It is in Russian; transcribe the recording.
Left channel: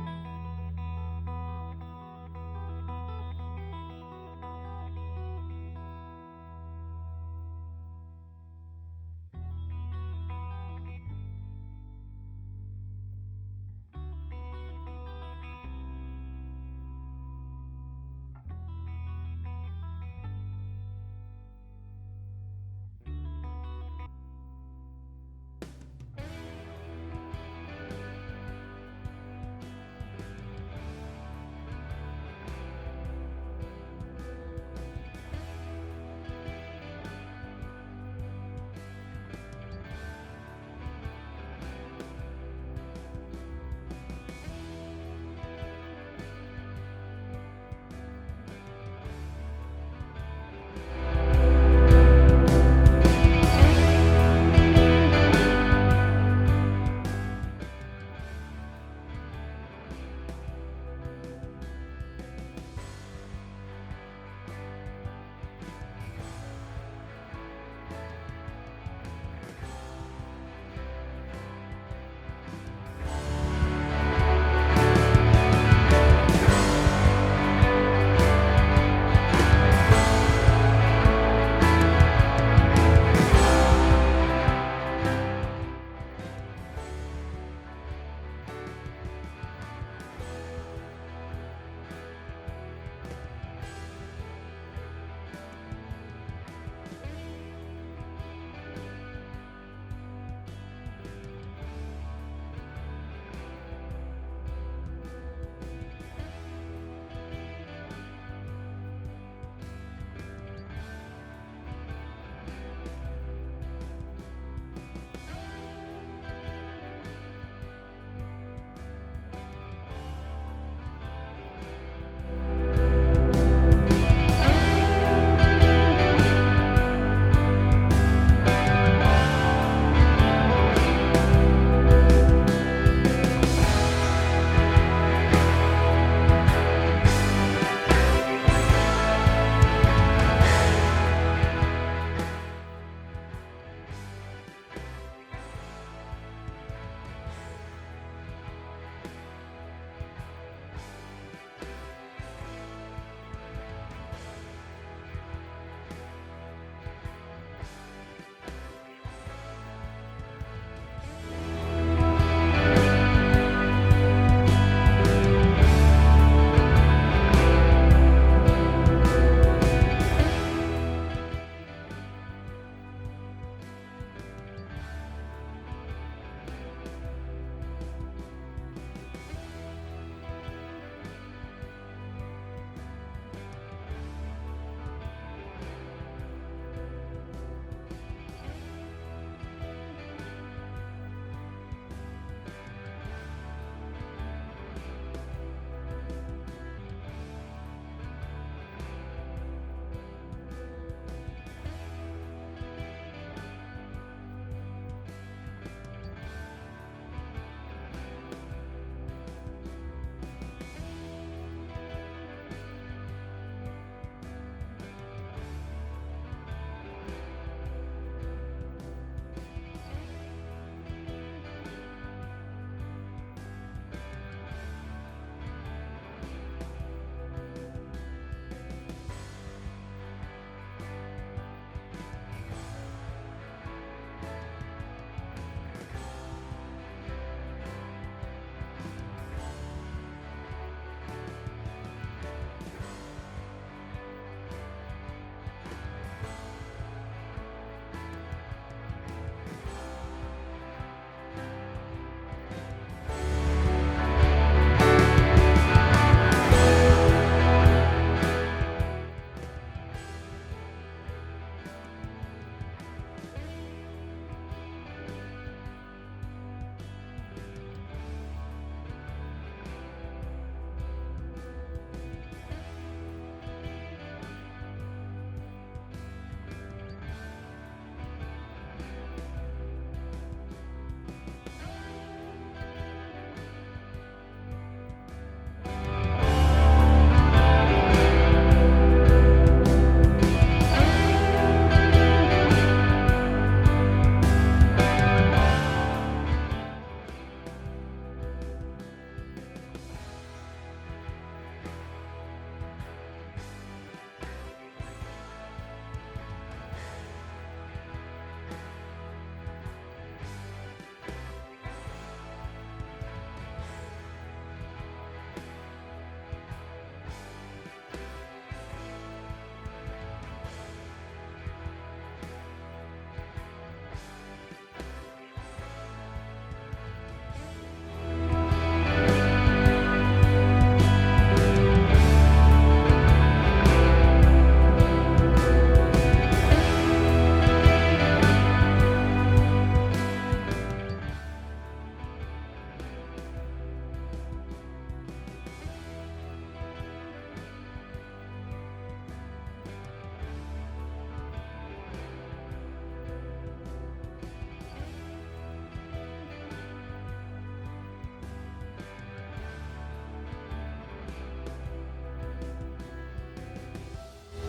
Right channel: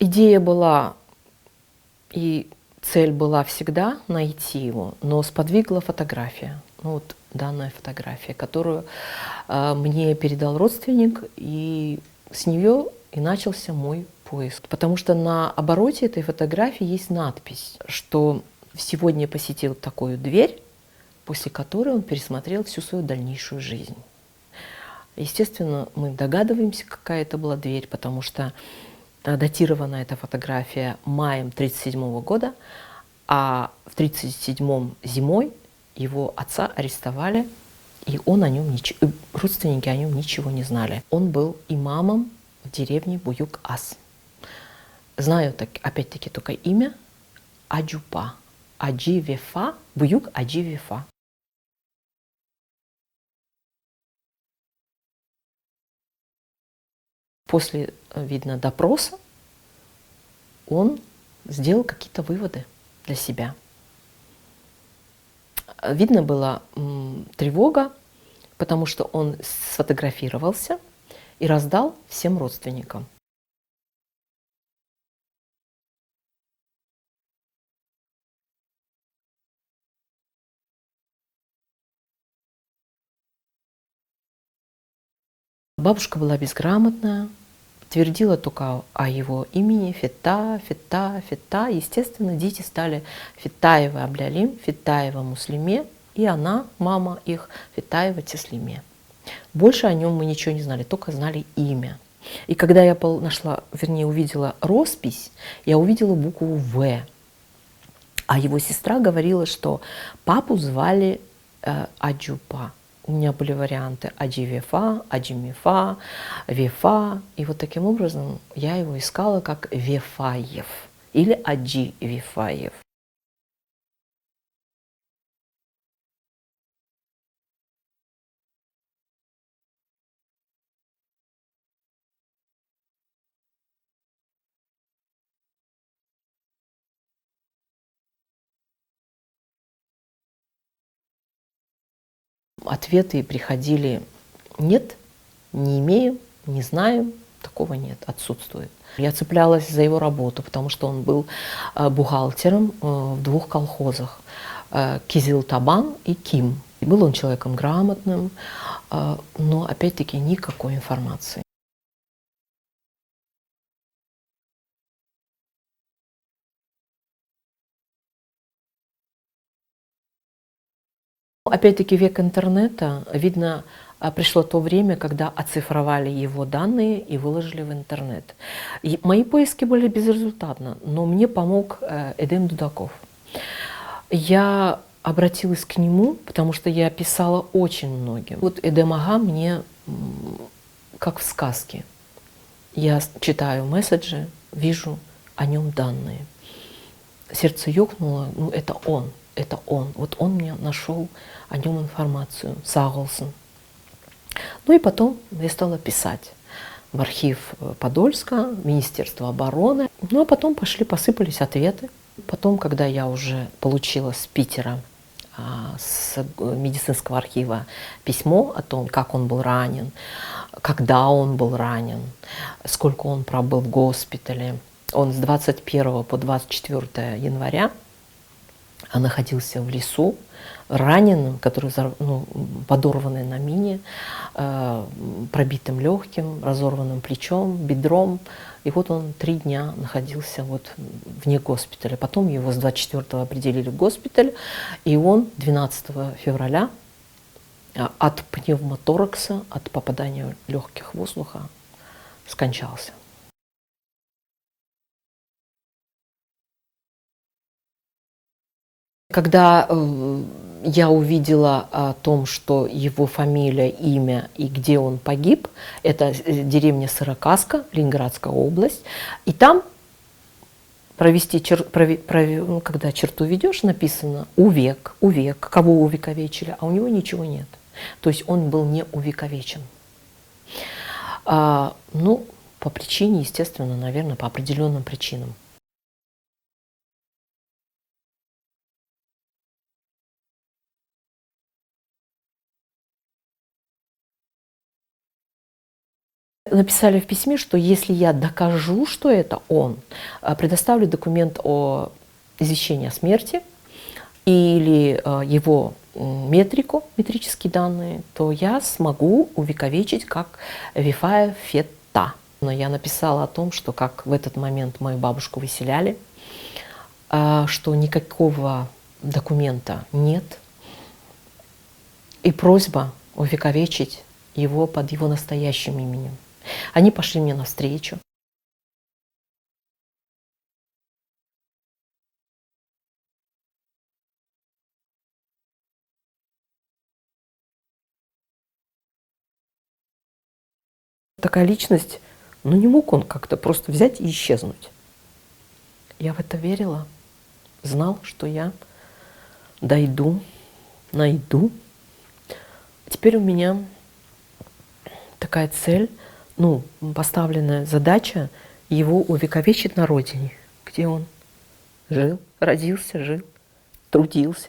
Идея была и цель была всегда найти его, но сподвигла фотография. Ну, вот данная фотография, которую мне передал родственник, и с нее и начался мой поиск. Потому что на обороте этой фотографии есть надпись, что сегодня посетил такую дверь, после которой он пересмотрел всю свою дальнейшую жизнь. Естественно, мы догадываемся, какая это была дверь, потому что датирована эта фотография маем 1937 года, а в 1937 зимой его отца арестовали, и родственники о нем ничего не знали. Он был имамом в деревне Буюк-Ас. Знаю опять-таки только имя Аджупа. Аджи Вефа, Буюк Аджи Вефа. После, видно, допроса он сделал какие-то выводы для себя. Видно была тревога, потому что он сфотографировался и раздал всем родственникам. Бабушка была безграмотная, твердила только о его имени Фета, Фета, Фета. Естественно, дети стали Фетаева Аблялим, Фетаева Муслиме, и она, мама их, Фетаева Теслиме. Больше о нем мы ничего не знали, только знали имя. И когда я увидела роспись, я увидела букву «В». А его сестра говорила, что папу звали Аджупа. У меня были варианты Аджи Вефа, Аджи Мифа, Вефа. И вот таким образом я его искала как Вефаев или Аджи Вефаев. Ответы приходили: нет, не имею, не знаю, такого нет, отсутствует. Я цеплялась за его работу, потому что он был бухгалтером в двух колхозах – Кизилтабан и Ким. И был он человеком грамотным, но опять-таки никакой информации. Опять-таки век интернета, видно, пришло то время, когда оцифровали его данные и выложили в интернет. И мои поиски были безрезультатны, но мне помог Эдем Дудаков. Я обратилась к нему, потому что я писала очень многим. Вот Эдем Ага мне как в сказке. Я читаю месседжи, вижу о нем данные. Сердце ёкнуло, ну это он. Это он. Вот он мне нашел о нем информацию, Саголсон. Ну и потом я стала писать в архив Подольска, Министерство обороны. Ну а потом посыпались ответы. Потом, когда я уже получила с Питера, с медицинского архива письмо о том, как он был ранен, когда он был ранен, сколько он пробыл в госпитале. Он с 21 по 24 января находился в лесу, раненым, который подорванный на мине, пробитым легким, разорванным плечом, бедром. И вот он 3 дня находился вот вне госпиталя. Потом его с 24-го определили в госпиталь, и он 12 февраля от пневмоторакса, от попадания легких воздуха скончался. Когда я увидела о том, что его фамилия, имя и где он погиб, это деревня Сырокаска, Ленинградская область, и там когда черту ведешь, написано увек, кого увековечили, а у него ничего нет. То есть он был не увековечен. По причине, естественно, наверное, по определенным причинам. Написали в письме, что если я докажу, что это он, предоставлю документ о извещении о смерти или его метрические данные, то я смогу увековечить как Вифая Фета. Но я написала о том, что как в этот момент мою бабушку выселяли, что никакого документа нет, и просьба увековечить его под его настоящим именем. Они пошли мне навстречу. Такая личность, ну не мог он как-то просто взять и исчезнуть. Я в это верила, знал, что я дойду, найду. Теперь у меня такая цель, ну, поставленная задача его увековечить на родине, где он жил, родился, жил, трудился.